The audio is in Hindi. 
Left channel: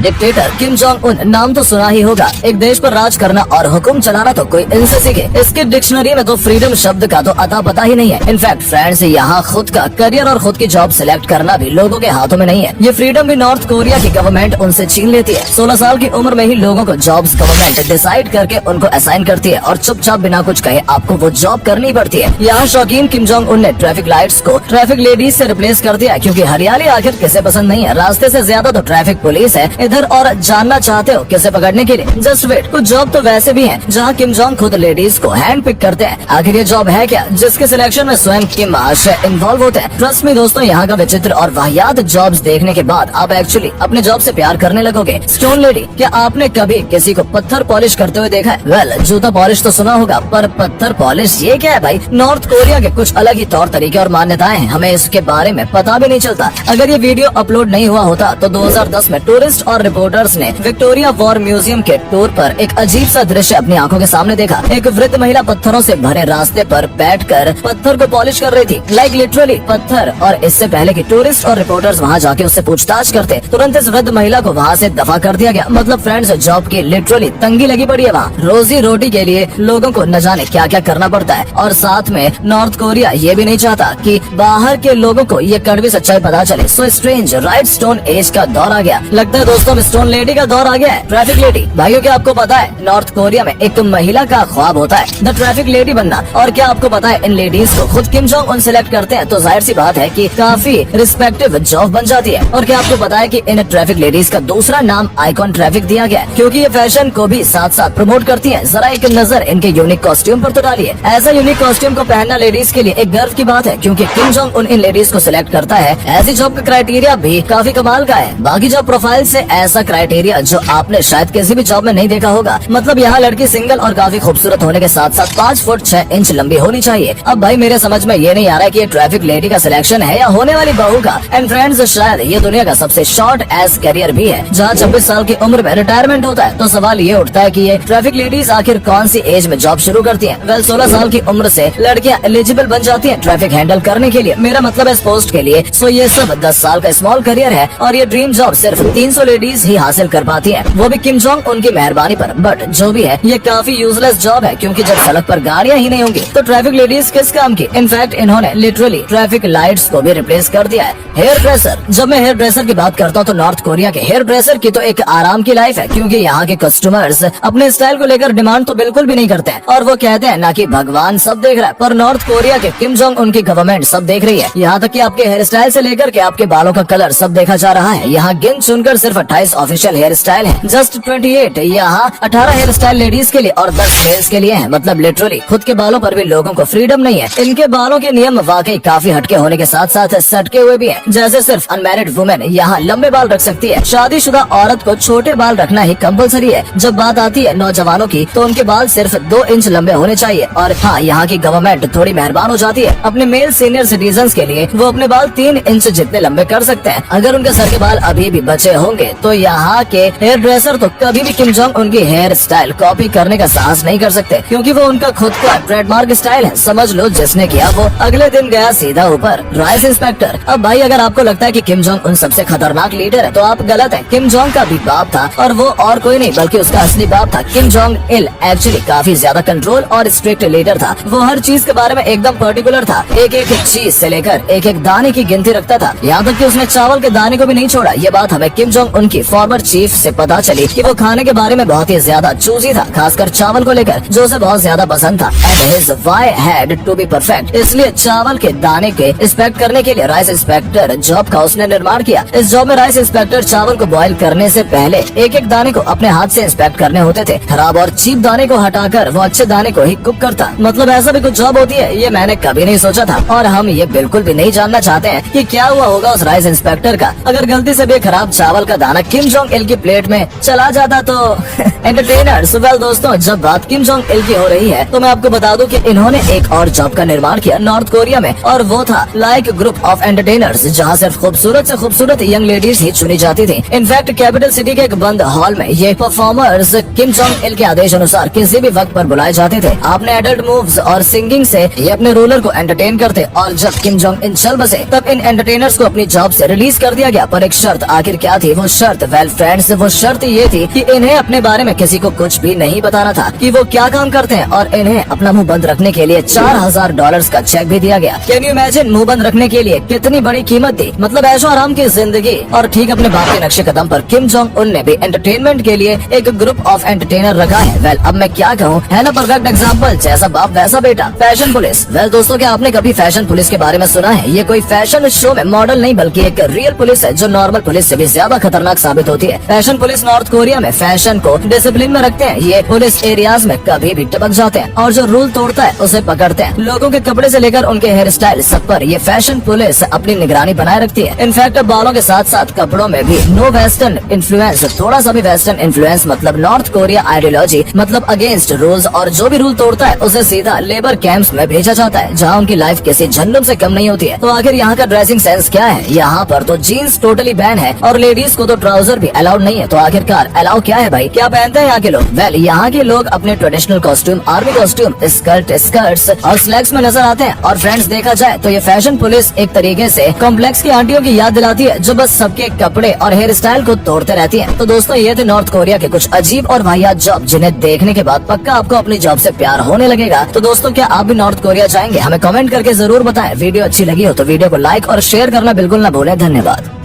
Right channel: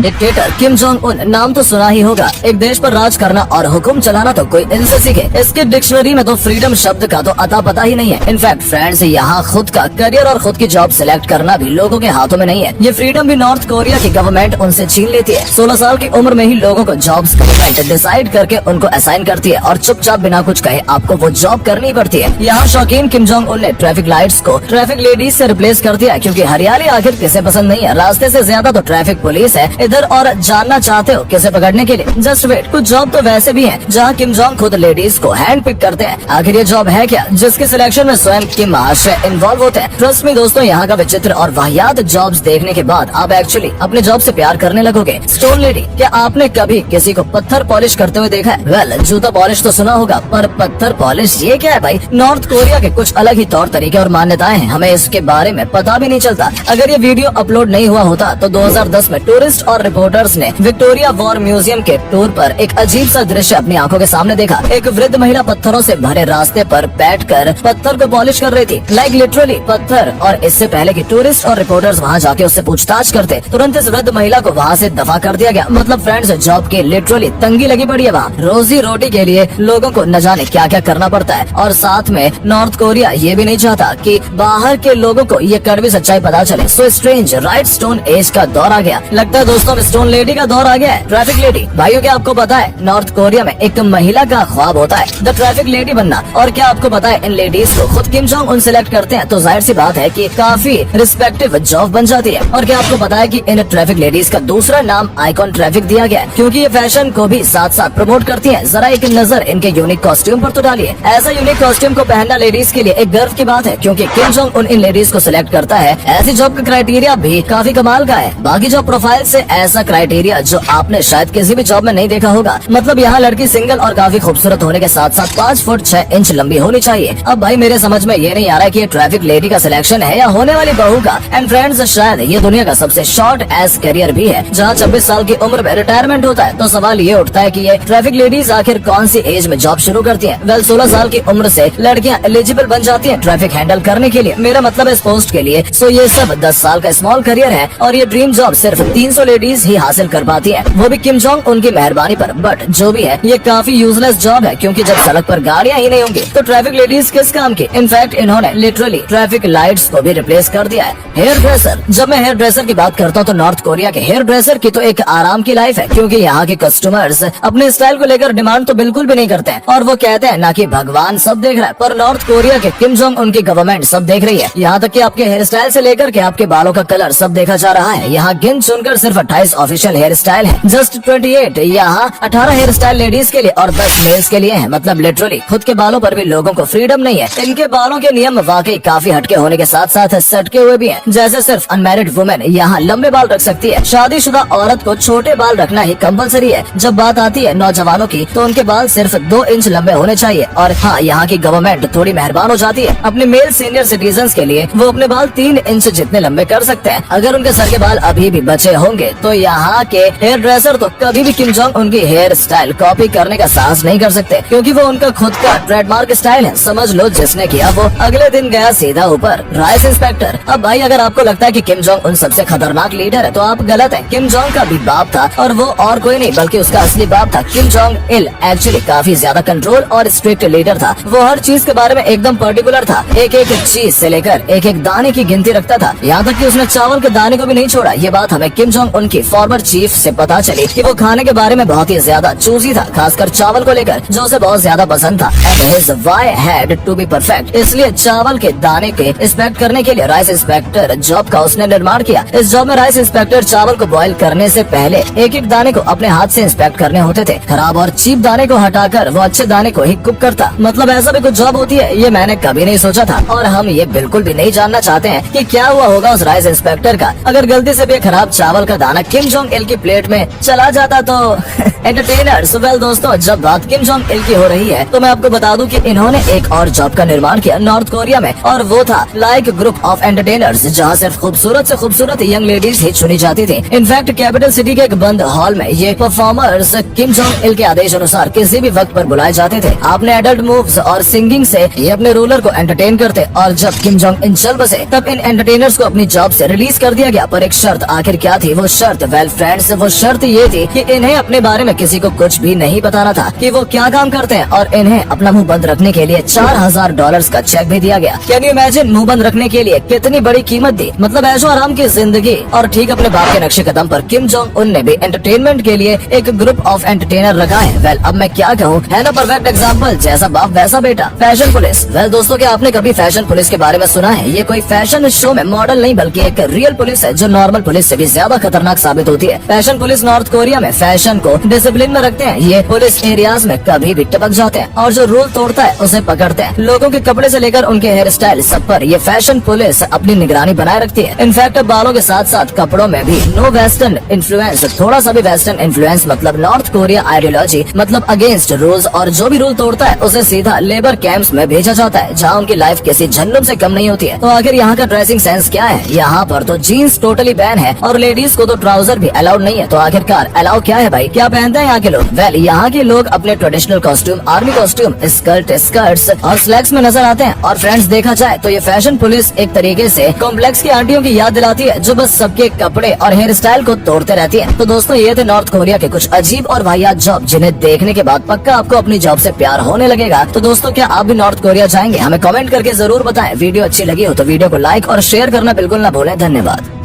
डिक्टेटर किम जोंग उन नाम तो सुना ही होगा। एक देश पर राज करना और हुक्म चलाना तो कोई इनसे सीखे। इसकी डिक्शनरी में तो फ्रीडम शब्द का तो अता पता ही नहीं है। इनफैक्ट फ्रेंड्स, यहाँ खुद का करियर और खुद की जॉब सिलेक्ट करना भी लोगों के हाथों में नहीं है। ये फ्रीडम भी नॉर्थ कोरिया की गवर्नमेंट उनसे छीन लेती है। 16 साल की उम्र में ही लोगों को जॉब्स गवर्नमेंट डिसाइड करके उनको असाइन करती है और चुपचाप बिना कुछ कहे आपको वो जॉब करनी पड़ती है। यहाँ शौकीन किम जोंग उन ने ट्रैफिक लाइट्स को ट्रैफिक लेडीज से रिप्लेस कर दिया, क्योंकि हरियाली आखिर किसे पसंद नहीं है। रास्ते से ज्यादा तो ट्रैफिक पुलिस है इधर, और जानना चाहते हो किसे पकड़ने के लिए? जस्ट वेट, कुछ जॉब तो वैसे भी है जहाँ किम जोंग खुद लेडीज को हैंड पिक करते हैं। आखिर ये जॉब है क्या जिसके सिलेक्शन में स्वयं किम महाशय इन्वॉल्व होते हैं? ट्रस्ट मी दोस्तों, यहाँ का विचित्र और वाहियात जॉब्स देखने के बाद आप एक्चुअली अपने जॉब से प्यार करने लगोगे। स्टोन लेडी, क्या आपने कभी किसी को पत्थर पॉलिश करते हुए देखा है? वेल, जूता पॉलिश तो सुना होगा, पर पत्थर पॉलिश ये क्या है भाई? नॉर्थ कोरिया के कुछ अलग ही तौर तरीके और मान्यताएं हैं, हमें इसके बारे में पता भी नहीं चलता। अगर ये वीडियो अपलोड नहीं हुआ होता तो 2010 में टूरिस्ट और रिपोर्टर्स ने विक्टोरिया वॉर म्यूजियम के टूर पर एक अजीब सा दृश्य अपनी आंखों के सामने देखा। एक वृद्ध महिला पत्थरों से भरे रास्ते पर बैठकर पत्थर को पॉलिश कर रही थी, लाइक लिटरली पत्थर। और इससे पहले कि टूरिस्ट और रिपोर्टर्स वहाँ जाके उससे पूछताछ करते, तुरंत इस वृद्ध महिला को वहाँ से दफा कर दिया गया। मतलब फ्रेंड्स, जॉब की लिटरली तंगी लगी पड़ी है वहाँ। रोजी रोटी के लिए लोगों को न जाने क्या क्या करना पड़ता है, और साथ में नॉर्थ कोरिया ये भी नहीं चाहता कि बाहर के लोगों को ये कड़वी सच्चाई पता चले। So strange, right? Stone age का दौर आ गया। लगता है दोस्तों स्टोन लेडी का दौर आ गया है। ट्रैफिक लेडी, भाइयों क्या आपको पता है नॉर्थ कोरिया में एक महिला का ख्वाब होता है द ट्रैफिक लेडी बनना। और क्या आपको पता है इन लेडीज को खुद किम जोंग उन सिलेक्ट करते हैं, तो जाहिर सी बात है कि काफी रिस्पेक्टिव जॉब बन जाती है। और क्या आपको पता है कि इन ट्रैफिक लेडीज का दूसरा नाम आइकॉन ट्रैफिक दिया गया है, क्योंकि ये फैशन को भी साथ साथ प्रमोट करती है। जरा एक नजर इनके यूनिक कॉस्ट्यूम पर तो डालिए। ऐसा यूनिक कॉस्ट्यूम को पहनना लेडीज के लिए एक गर्व की बात है, क्योंकि किम जोंग उन इन लेडीज को सिलेक्ट करता है। ऐसी जॉब का क्राइटेरिया भी काफी कमाल का है। बाकी जॉब प्रोफाइल से ऐसा क्राइटेरिया जो आपने शायद किसी भी जॉब में नहीं देखा होगा। मतलब यहाँ लड़की सिंगल और काफी खूबसूरत होने के साथ साथ 5 फुट 6 इंच लंबी होनी चाहिए। अब भाई मेरे समझ में ये नहीं आ रहा है कि ये ट्रैफिक लेडी का सिलेक्शन है या होने वाली बहू का। एंड फ्रेंड्स, शायद ये दुनिया का सबसे शॉर्ट एज करियर भी है, जहाँ 26 साल की उम्र में रिटायरमेंट होता है। तो सवाल ये उठता है कि ये ट्रैफिक लेडीज आखिर कौन सी एज में जॉब शुरू करती हैं? वेल, 16 साल की उम्र से लड़कियां एलिजिबल बन जाती हैं ट्रैफिक हैंडल करने के लिए। मेरा मतलब है इस पोस्ट के लिए। सो ये सब 10 साल का स्मॉल करियर है, और ये ड्रीम जॉब सिर्फ 300 लेडीज ही हासिल कर पाती हैं, वो भी किम जोंग उनकी मेहरबानी पर। बट जो भी है, ये काफी यूजलेस जॉब है, क्योंकि जब सड़क पर गाड़ियां ही नहीं होंगी तो ट्रैफिक लेडीज किस काम की? इनफैक्ट इन्होंने लिटरली ट्रैफिक लाइट्स को भी रिप्लेस कर दिया है। हेयर ड्रेसर, जब मैं हेयर ड्रेसर की बात करता हूँ तो नॉर्थ कोरिया के हेयर ड्रेसर की तो एक आराम की लाइफ है, क्योंकि यहाँ के कस्टमर्स अपने स्टाइल को लेकर डिमांड तो बिल्कुल भी नहीं करते हैं, और वो कहते हैं ना कि भगवान सब देख रहा है, पर नॉर्थ कोरिया के किम जोंग उनकी गवर्नमेंट सब देख रही है। यहाँ तक कि आपके हेयर स्टाइल से लेकर के आपके बालों का कलर सब देखा जा रहा है। यहाँ गिन चुनकर सिर्फ 28 ऑफिशियल हेयर स्टाइल है, जस्ट 28। यहाँ 18 हेयर स्टाइल लेडीज के लिए और 10 मेल्स के लिए है। मतलब लिटरली खुद के बालों पर भी लोगों को फ्रीडम नहीं है। इनके बालों के नियम वाकई काफी हटके होने के साथ साथ सटके हुए भी है। जैसे सिर्फ अनमैरिड वुमेन यहाँ लंबे बाल रख सकती है, शादीशुदा औरत को छोटे बाल रखना ही कंपलसरी है। जब बात आती है नौजवानों की तो उनके बाल सिर्फ 2 इंच लंबे होने चाहिए। और हाँ, यहाँ की गवर्नमेंट थोड़ी मेहरबान हो जाती है। अपने मेल सीनियर सिटीजन्स के लिए वो अपने बाल 3 इंच जितने लंबे कर सकते हैं। अगर उनके सर के बाल अभी भी बचे होंगे तो यहाँ के हेयर ड्रेसर तो कभी भी किम जोंग उनकी हेयर स्टाइल कॉपी करने का साहस नहीं कर सकते, क्योंकि वो उनका खुद का ट्रेडमार्क स्टाइल है। समझ लो जिसने किया वो अगले दिन गया सीधा ऊपर। राइस इंस्पेक्टर, अब भाई अगर आपको लगता है कि किम जोंग उन सबसे खतरनाक लीडर है तो आप गलत हैं। किम जोंग का भी बाप था, और वो और कोई नहीं बल्कि उसका असली बाप था। किम जोंग इल एक्चुअली काफी ज्यादा कंट्रोल और स्ट्रिक्ट लीडर था। वो हर चीज के बारे में एकदम पर्टिकुलर था, एक एक चीज से लेकर एक एक दाने की गिनती रखता था। यहाँ तक कि उसने चावल के दाने को भी नहीं छोड़ा। ये बात हमें किम जोंग उनकी फॉर्मर चीफ से पता चली कि वो खाने के बारे में बहुत ही ज्यादा चूजी था, खासकर चावल को लेकर, जो उसे बहुत ज्यादा पसंद था। Why had to be perfect? इसलिए चावल के दाने के इंस्पेक्ट करने के लिए राइस इंस्पेक्टर जॉब का उसने निर्माण किया। इस जॉब में राइस इंस्पेक्टर चावल को बॉईल करने से पहले एक एक दाने को अपने हाथ से इंस्पेक्ट करने होते थे। खराब और चीप दाने को हटाकर वो अच्छे दाने को ही कुक करता। मतलब ऐसा भी कुछ जॉब होती है, ये मैंने कभी नहीं सोचा था, और हम ये बिल्कुल भी नहीं जानना चाहते हैं कि क्या हुआ होगा उस राइस इंस्पेक्टर का अगर गलती से भी खराब चावल का दाना किम जोंग इल की प्लेट में चला जाता तो। एंटरटेनर्स, वेल दोस्तों, जब बात किम जोंग इल की हो रही है तो मैं आपको बता दूं कि इन्होंने एक और जॉब का निर्माण किया नॉर्थ कोरिया में, और वो था लाइक ग्रुप ऑफ एंटरटेनर्स, जहाँ सिर्फ खूबसूरत से खूबसूरत यंग लेडीज ही चुनी जाती थी। इनफैक्ट कैपिटल सिटी के एक बंद हॉल में ये परफॉर्मर्स किम जोंग इल के आदेश अनुसार किसी भी वक्त पर बुलाए जाते थे। आपने एडल्ट मूव्स और सिंगिंग से ये अपने रूलर को एंटरटेन करते, और जब किम जोंग इन चल बसे तब इन एंटरटेनर्स को अपनी जॉब से रिलीज कर दिया गया। पर एक शर्त, आखिर क्या थी वो शर्त? शर्त? वेल फ्रेंड्स, वो शर्त ये थी कि इन्हें अपने बारे में किसी को कुछ भी नहीं बताना था कि वो क्या काम करते हैं, और इन्हें अपना मुंह बंद रखने के लिए $4000 का चेक भी दिया गया। कैन यू इमेजिन, मुंह बंद रखने के लिए कितनी बड़ी कीमत दी। मतलब ऐशो आराम की जिंदगी। और ठीक अपने बाप के नक्शे कदम पर किम जोंग उन ने भी एंटरटेनमेंट के लिए एक ग्रुप ऑफ एंटरटेनर रखा है। वेल अब मैं क्या कहूँ, है ना परफेक्ट एग्जाम्पल, जैसा बाप वैसा बेटा। Fashion police. वेल दोस्तों, क्या आपने कभी फैशन पुलिस के बारे में सुना है? ये कोई फैशन शो में मॉडल नहीं बल्कि एक रियल पुलिस है जो नॉर्मल पुलिस से भी ज्यादा खतरनाक साबित होती है। फैशन पुलिस नॉर्थ कोरिया में फैशन को डिसिप्लिन में रखते हैं। ये पुलिस एरियाज में कभी भी टपक जाते हैं और जो रूल तोड़ता है उसे पकड़ते हैं। लोगों के कपड़े से लेकर उनके हेयर स्टाइल सब पर ये फैशन पुलिस अपनी निगरानी बनाए रखती है। इनफैक्ट बालों के साथ साथ कपड़ों में भी नो वेस्टर्न इन्फ्लुएंस, थोड़ा सा भी वेस्टर्न इन्फ्लुएंस मतलब नॉर्थ कोरिया आइडियोलॉजी, मतलब अगेंस्ट रूल्स, और जो भी रूल तोड़ता है उसे सीधा लेबर कैंप्स में भेजा जाता है जहाँ उनकी लाइफ किसी जन्नत से कम नहीं होती है। तो आखिर यहाँ का ड्रेसिंग सेंस क्या है? यहाँ पर तो जीन्स टोटली बैन है और लेडीज को तो ट्राउजर भी अलाउड नहीं है। तो आखिरकार अलाउ क्या है भाई, क्या पहनते हैं यहाँ के लोग? वेल यहाँ के लोग अपने traditional costume, army costume, skirts और स्लैक्स में नजर आते हैं। और फ्रेंड्स देखा जाए तो ये फैशन पुलिस एक तरीके से कॉम्प्लेक्स की आंटियों की याद दिलाती है जो बस सबके कपड़े और हेयर स्टाइल को तोड़ते रहती है। तो दोस्तों ये थे नॉर्थ कोरिया के कुछ अजीब और वाहियात जॉब जिन्हें देखने के बाद पक्का आपको अपनी जॉब से प्यार होने लगेगा। तो दोस्तों क्या आप भी नॉर्थ कोरिया जाएंगे? हमें कमेंट करके जरूर बताएं। वीडियो अच्छी लगी हो तो वीडियो को लाइक और शेयर करना बिल्कुल न भूलें। धन्यवाद।